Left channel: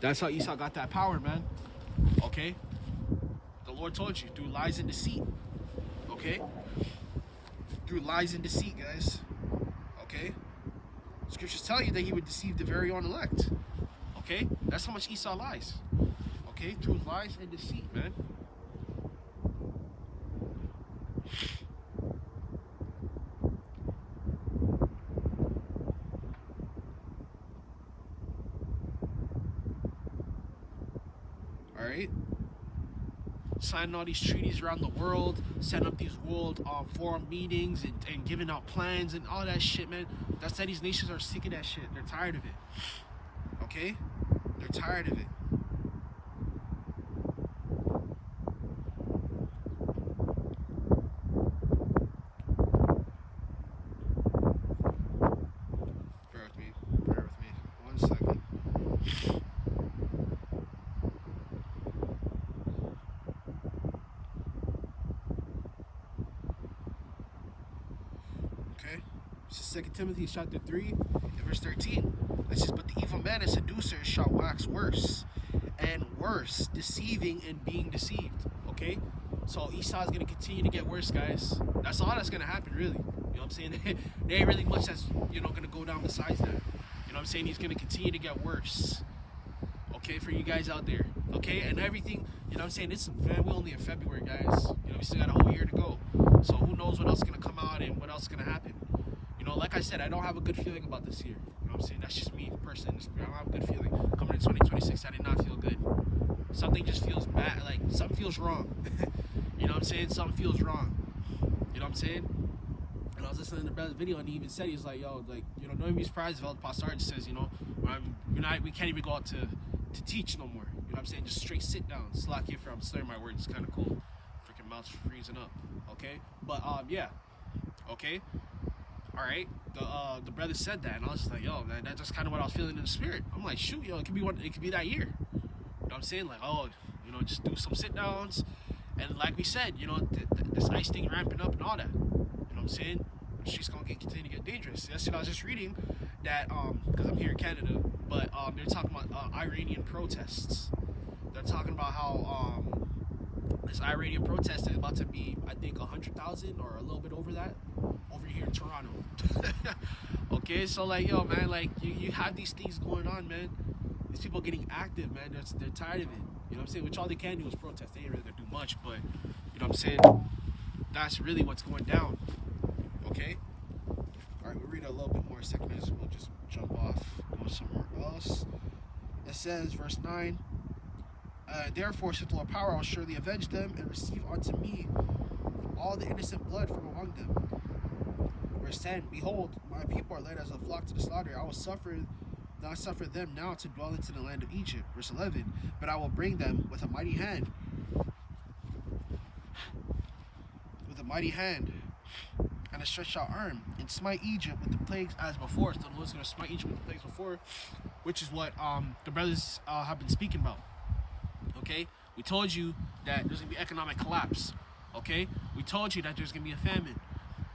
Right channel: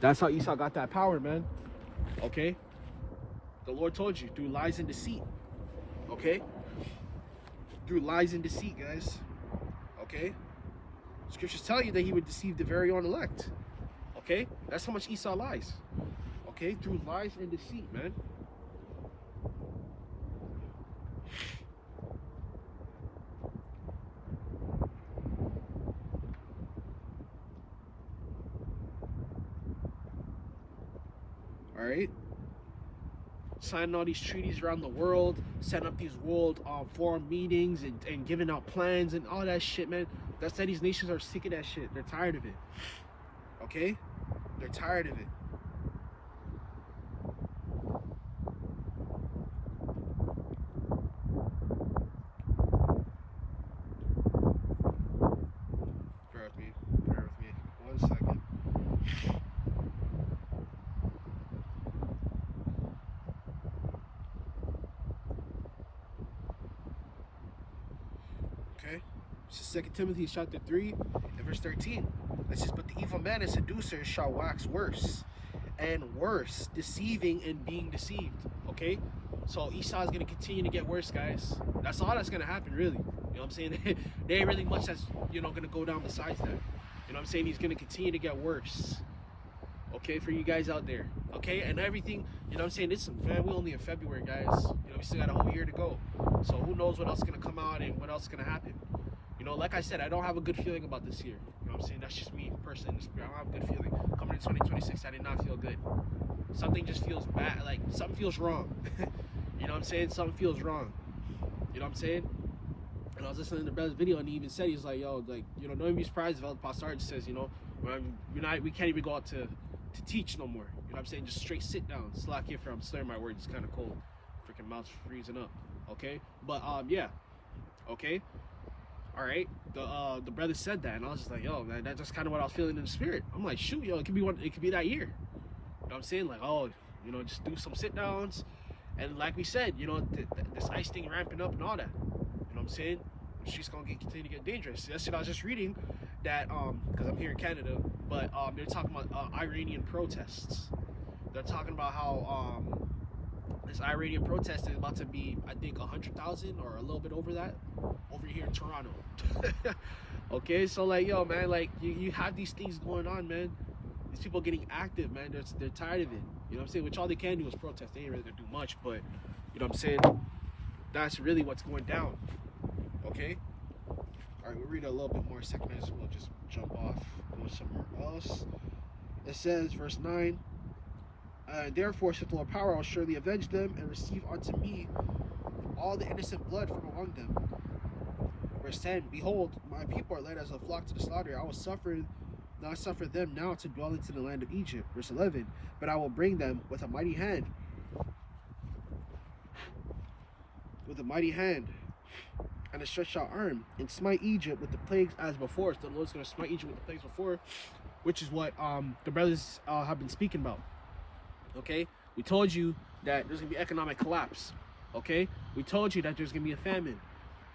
That's how Esau got that power, man. Okay? The Lord told you, through lies and deceit. Okay? Through lies and deceit, guys. Okay? Scriptures tell you that he would deceive the very own elect. Okay? That's how much Esau lies. Okay? Through lies and deceit, man. Alright? Signing all these treaties around the world, setting up these world forum meetings and giving out plans and all that shit, man. That's that these nations are sick of that shit. They're tired of it. Okay? They're tired of it. Bear with me. Bear with me. 1 second. Okay? This is 2 Timothy chapter 3 and verse 13. It says, but the evil man and seducer shall wax worse and worse, deceiving and being deceived. Okay? So Esau is going to continue to get worse, guys. That's all that's going to happen, really. You know what I'm saying? There ain't really much that's, you know, going to go down besides that. You know what I'm saying? He's going to continue to get worse. Okay, for you guys out there. Okay, and everything, you know what I'm saying? This, man, we're only in February, guys. You know, we still got a whole year to go. So who knows what else is going to come out and what else is going to happen. You know, like I said, I don't have a good feeling about this year. You know what I'm saying? That's just me, personally. I don't have a good feeling. Coming in 2026, I did not feel good. Something just feels bad. Like, something feels wrong. You know what I'm saying? Something feels wrong. You know what I'm saying? And I was listening to the brother's video, and he even said, he's like, yo, like, you know, don't be surprised if El Pastor says, you know, we can't even go out to teach no more. You know what I'm saying? Just straight sit down. Slack here for I'm slurring my words. It's kind of cold. Freaking mouth's freezing up. Okay? But, yeah. Okay? Alright? The brother said that, and I was just like, yo, man, that's just kind of what I was feeling in the spirit. I'm like, shoot, yo, it could be that year. You know what I'm saying? Like, oh, you know, just do some sit downs. And like we said, you know, this ice thing ramping up and all that. You know what I'm saying? The street's gonna continue to get dangerous. Yesterday I was just reading that, because I'm here in Canada, but they're talking about Iranian protests. They're talking about how this Iranian protest is about to be, I think, 100,000 or a little bit over that, over here in Toronto. Okay, so like, yo, man, like you have these things going on, man. These people getting active, man. They're tired of it. You know what I'm saying? Which all they can do is protest. They ain't really gonna do much, but you know what I'm saying? That's really what's going down. Okay? Alright, we'll read a little bit more second as we'll just jump off, go somewhere else. It says, verse 9, therefore, saith the Lord power, I'll surely avenge them and receive unto me all the innocent blood from among them. Verse 10, behold, my people are led as a flock to the slaughter. I will not suffer them now to dwell into the land of Egypt. Verse 11, but I will bring them with a mighty hand. With a mighty hand and a stretched out arm, and smite Egypt with the plagues as before. So the Lord's going to smite Egypt with the plagues before, which is what the brothers have been speaking about. Okay? We told you that there's going to be economic collapse. Okay? We told you that there's going to be a famine.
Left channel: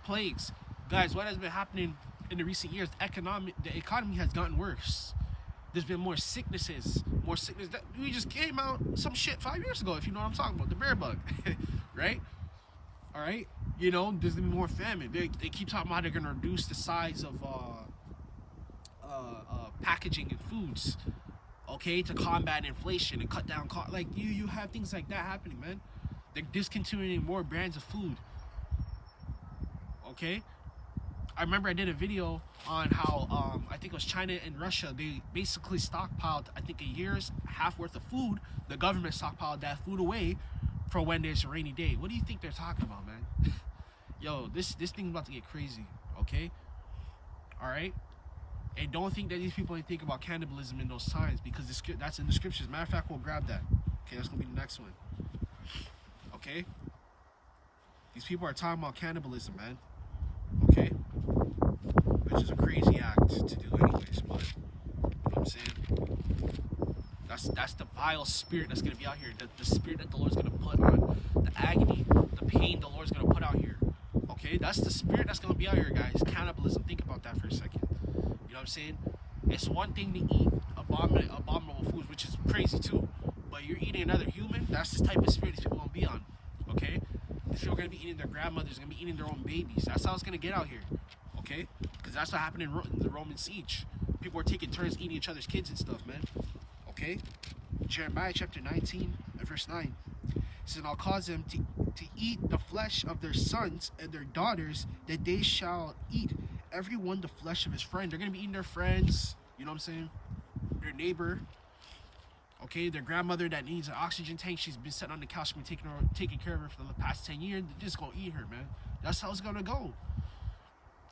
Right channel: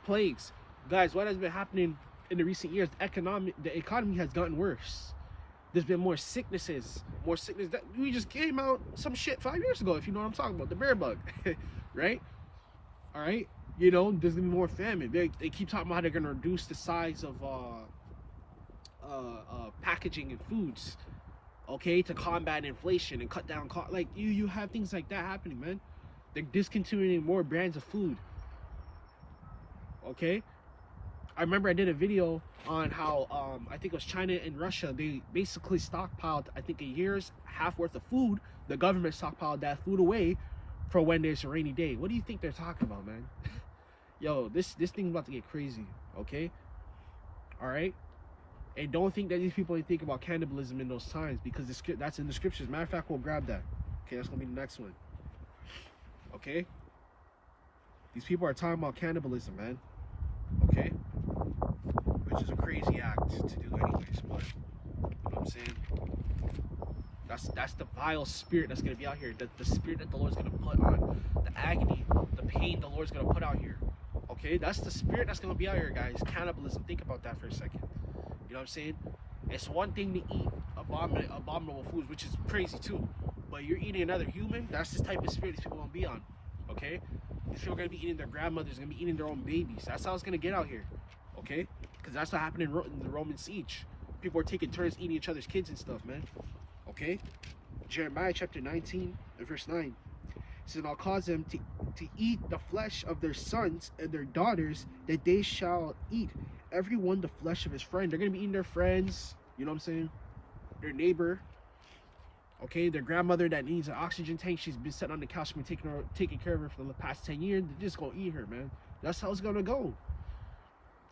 Plagues. Guys, what has been happening in the recent years? The economy has gotten worse. There's been more sicknesses. More sickness. That we just came out some shit 5 years ago, if you know what I'm talking about. The bear bug. Right? Alright? You know, there's gonna be more famine. They keep talking about how they're gonna reduce the size of packaging and foods, okay, to combat inflation and cut down cost. Like you have things like that happening, man. They're discontinuing more brands of food. Okay, I remember I did a video on how I think it was China and Russia. They basically stockpiled, I think, a year's half worth of food. The government stockpiled that food away for when there's a rainy day. What do you think they're talking about, man? Yo, this thing's about to get crazy, okay? All right? And don't think that these people ain't think about cannibalism in those times, because that's in the scriptures. Matter of fact, we'll grab that. Okay, that's going to be the next one. Okay? These people are talking about cannibalism, man. Okay? Which is a crazy act to do anyways, but you know what I'm saying? That's the vile spirit that's going to be out here. The spirit that the Lord's going to put on. The agony, the pain the Lord's going to put out here. Okay? That's the spirit that's going to be out here, guys. Cannibalism. Think about that for a second. You know what I'm saying? It's one thing to eat abominable foods, which is crazy too. But you're eating another human. That's the type of spirit these people gonna be on. Okay, these people are gonna be eating their grandmothers, gonna be eating their own babies. That's how it's gonna get out here. Okay, because that's what happened in the Roman siege. People were taking turns eating each other's kids and stuff, man. Okay, Jeremiah chapter 19, verse 9. It says, and I'll cause them to eat the flesh of their sons and their daughters, that they shall eat everyone the flesh of his friend. They're gonna be eating their friends, you know what I'm saying? Their neighbor, okay, their grandmother that needs an oxygen tank. She's been sitting on the couch, been taking care of her for the past 10 years. They're just gonna eat her, man. That's how it's gonna go.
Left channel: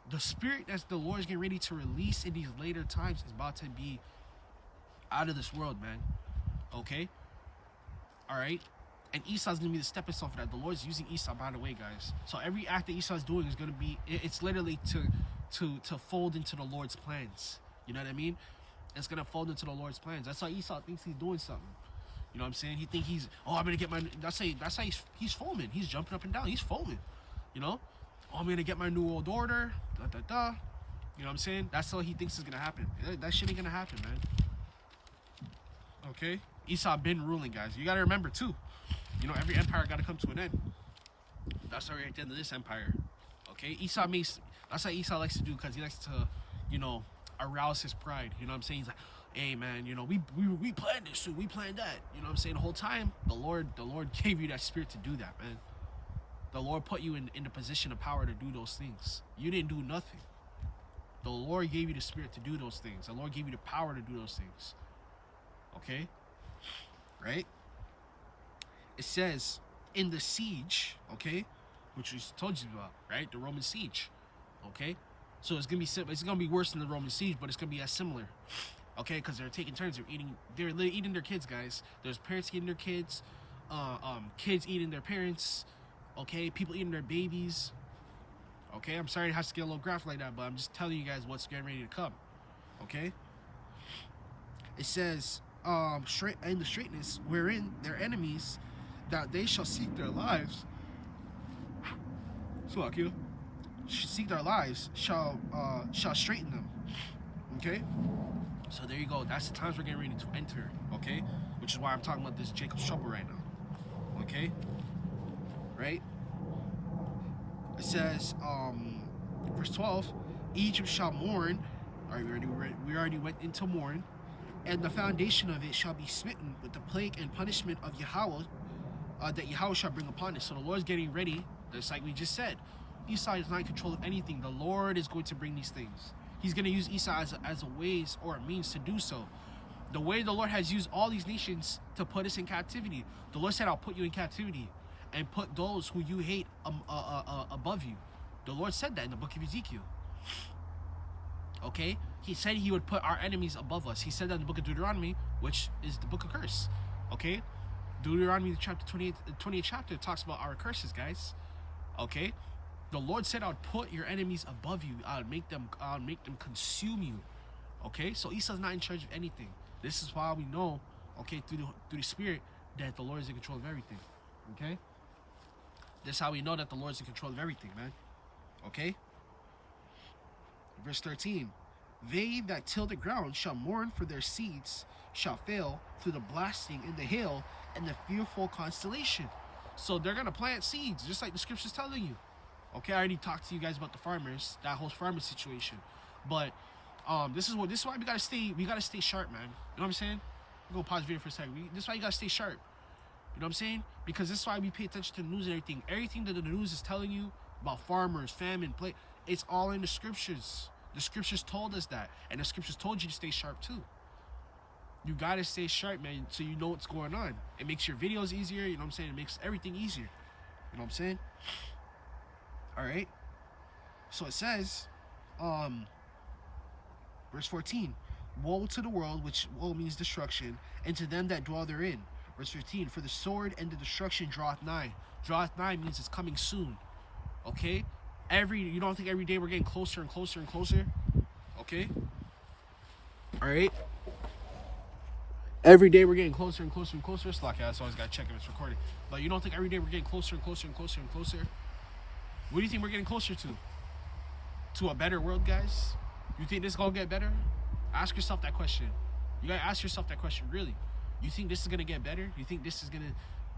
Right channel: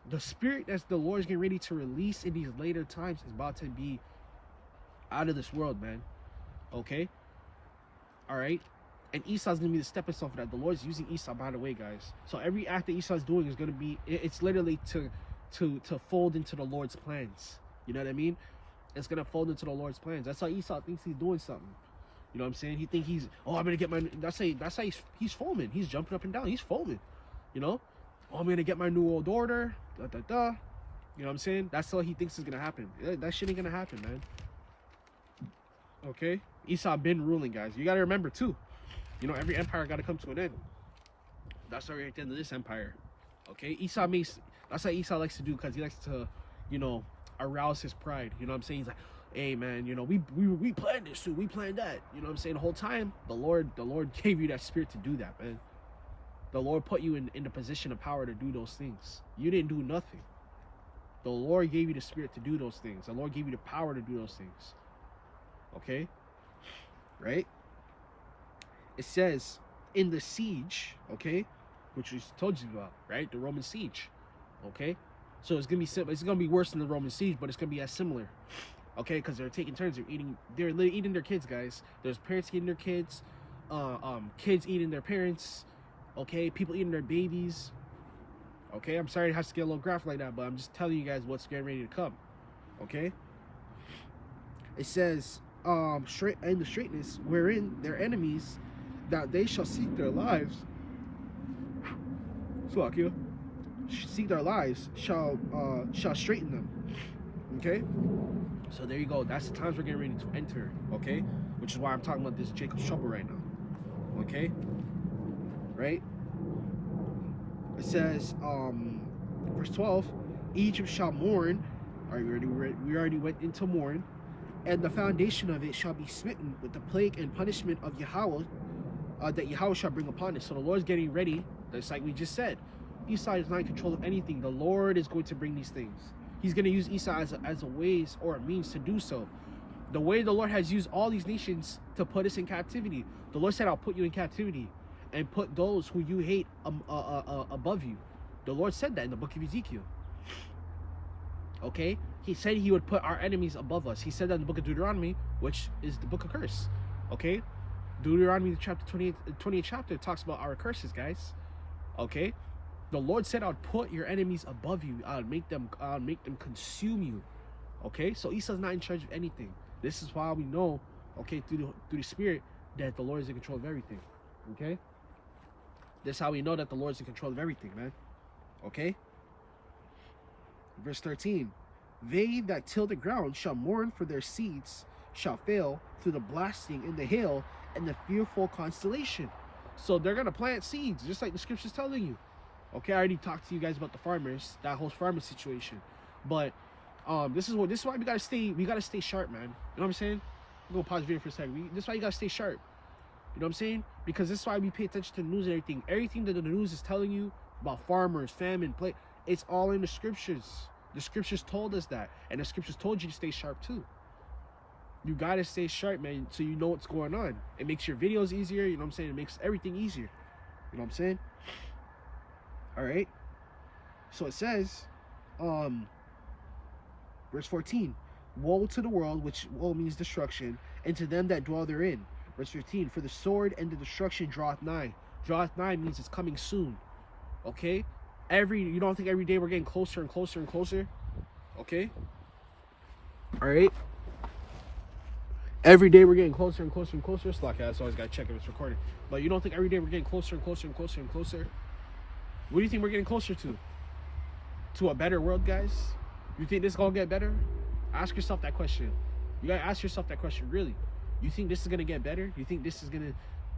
The spirit that the Lord is getting ready to release in these later times is about to be out of this world, man. Okay, all right. And Esau's gonna be the stepping stone for that. The Lord's using Esau, by the way, guys. So every act that Esau's doing is gonna be, it's literally to fold into the Lord's plans. You know what I mean? It's gonna fold into the Lord's plans. That's how Esau thinks he's doing something. You know what I'm saying? He think he's, oh, I'm gonna get my. That's how he's foaming. He's jumping up and down. He's foaming. You know? Oh, I'm gonna get my new old order. Da da da. You know what I'm saying? That's how he thinks is gonna happen. That shit ain't gonna happen, man. Okay? Esau been ruling, guys. You gotta remember too. You know, every empire got to come to an end. That's already at the end of this empire. Okay, that's what Esau likes to do, because he likes to, you know, arouse his pride. You know what I'm saying? He's like, hey man, you know, we planned this, we planned that. You know what I'm saying? The whole time, the Lord gave you that spirit to do that, man. The Lord put you in the position of power to do those things. You didn't do nothing. The Lord gave you the spirit to do those things. The Lord gave you the power to do those things. Okay? Right? It says in the siege, okay, which we told you about, right? The Roman siege, okay. So it's gonna be worse than the Roman siege, but it's gonna be as similar, okay, because they're taking turns. They're eating their kids, guys. There's parents eating their kids, kids eating their parents, okay. People eating their babies, okay. I'm sorry it has to get a little graphic like that, but I'm just telling you guys what's getting ready to come, okay. It says, straight in the straightness wherein their enemies, that they shall seek their lives. Seek their lives, shall straighten them. Okay? So there you go. That's the times we're getting ready to enter. Okay? Which is why I'm talking about this Jacob's trouble right now. Okay? Right? It says, verse 12, Egypt shall mourn. We already went into mourn. And the foundation of it shall be smitten with the plague and punishment of Yahawah, that Yahawah shall bring upon it. So the Lord's getting ready. That's like we just said. Esau is not in control of anything. The Lord is going to bring these things. He's going to use Esau as a ways or a means to do so. The way the Lord has used all these nations to put us in captivity. The Lord said, I'll put you in captivity and put those who you hate above you. The Lord said that in the book of Ezekiel. Okay? He said he would put our enemies above us. He said that in the book of Deuteronomy, which is the book of curse. Okay? Deuteronomy chapter 28 chapter talks about our curses, guys. Okay? The Lord said, I'll put your enemies above you. I'll make them consume you. Okay? So Esau's not in charge of anything. This is why we know, okay, through the Spirit, that the Lord is in control of everything. Okay? That's how we know that the Lord is in control of everything, man. Okay? Verse 13. They that till the ground shall mourn, for their seeds shall fail through the blasting and the hail and the fearful constellation. So they're going to plant seeds, just like the scripture's telling you. Okay, I already talked to you guys about the farmers, that whole farmer situation. But this is why we gotta stay sharp, man. You know what I'm saying? I'm gonna pause the video for a second. This is why you gotta stay sharp. You know what I'm saying? Because this is why we pay attention to the news and everything. Everything that the news is telling you about farmers, famine, it's all in the scriptures. The scriptures told us that, and the scriptures told you to stay sharp too. You gotta stay sharp, man, so you know what's going on. It makes your videos easier. You know what I'm saying? It makes everything easier. You know what I'm saying? All right. So it says, verse 14, woe to the world, which woe means destruction, and to them that dwell therein. Verse 15, for the sword and the destruction draweth nigh. Draweth nigh means it's coming soon. Okay? You don't think every day we're getting closer and closer and closer? Okay? All right? Every day we're getting closer and closer and closer. Slack, I always got to check if it's recording. But you don't think every day we're getting closer and closer and closer and closer? What do you think we're getting closer to? To a better world, guys? You think this is going to get better? Ask yourself that question. You got to ask yourself that question, really. You think this is gonna get better? You think this is gonna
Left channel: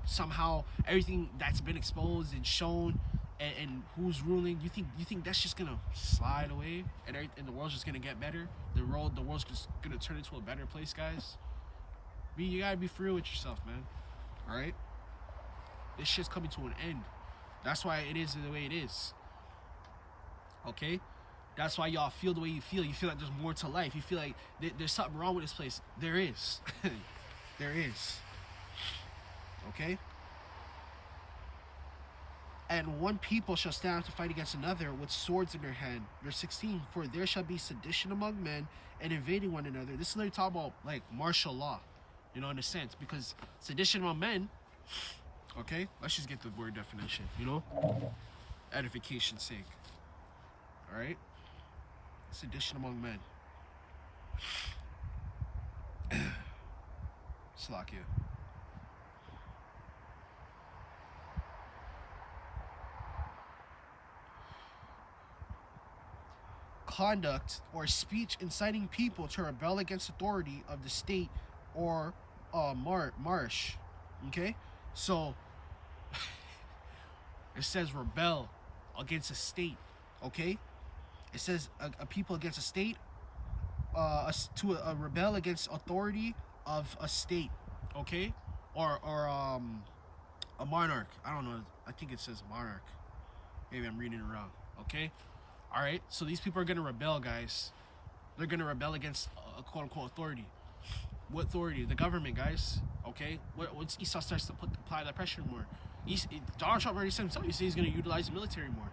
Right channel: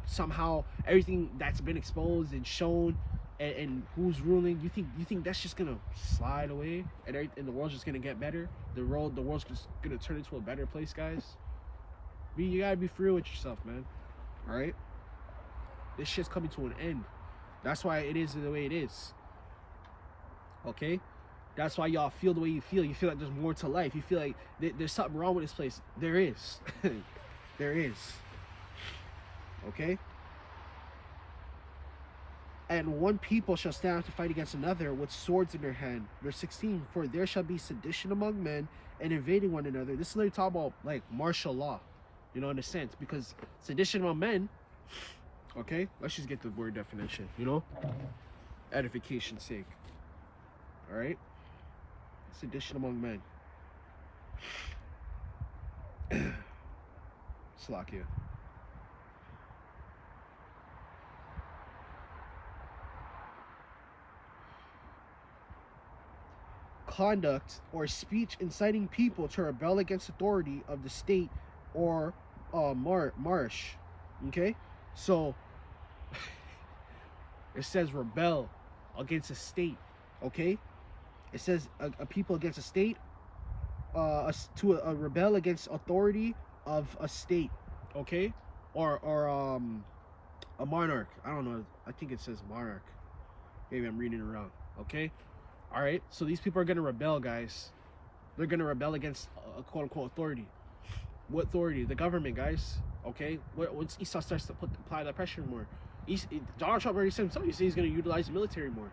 somehow everything that's been exposed and shown and who's ruling? You think that's just gonna slide away and the world's just gonna get better? The world's just gonna turn into a better place, guys. You gotta be free with yourself, man. All right. This shit's coming to an end. That's why it is the way it is. Okay? That's why y'all feel the way you feel. You feel like there's more to life. You feel like there's something wrong with this place. There is. There is. Okay? And one people shall stand up to fight against another with swords in their hand. Verse 16. For there shall be sedition among men and invading one another. This is literally talking about like martial law. You know, in a sense. Because sedition among men. Okay? Let's just get the word definition. You know? Edification's sake. Alright? Sedition among men. Slakia. Conduct or speech inciting people to rebel against authority of the state or marsh. Okay? So, it says rebel against a state. Okay? It says a people against a state, to rebel against authority of a state, okay, or a monarch. I don't know. I think it says monarch. Maybe I'm reading it wrong. Okay, all right. So these people are gonna rebel, guys. They're gonna rebel against a quote unquote authority. What authority? The government, guys. Okay. Once Esau starts to apply that pressure more, Donald Trump already said himself. He said he's gonna utilize the military more.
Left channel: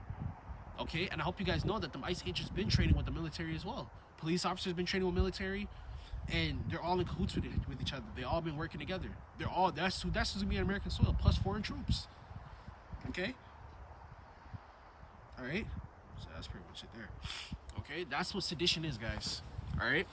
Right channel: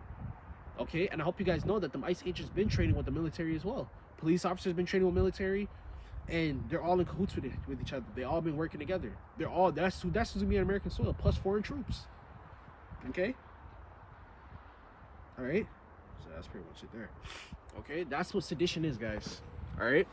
Okay, and I hope you guys know that the ICE agents been training with the military as well. Police officers been training with military, and they're all in cahoots with each other. They all been working together. That's who's gonna be on American soil, plus foreign troops. Okay. All right. So that's pretty much it there. Okay, that's what sedition is, guys. All right.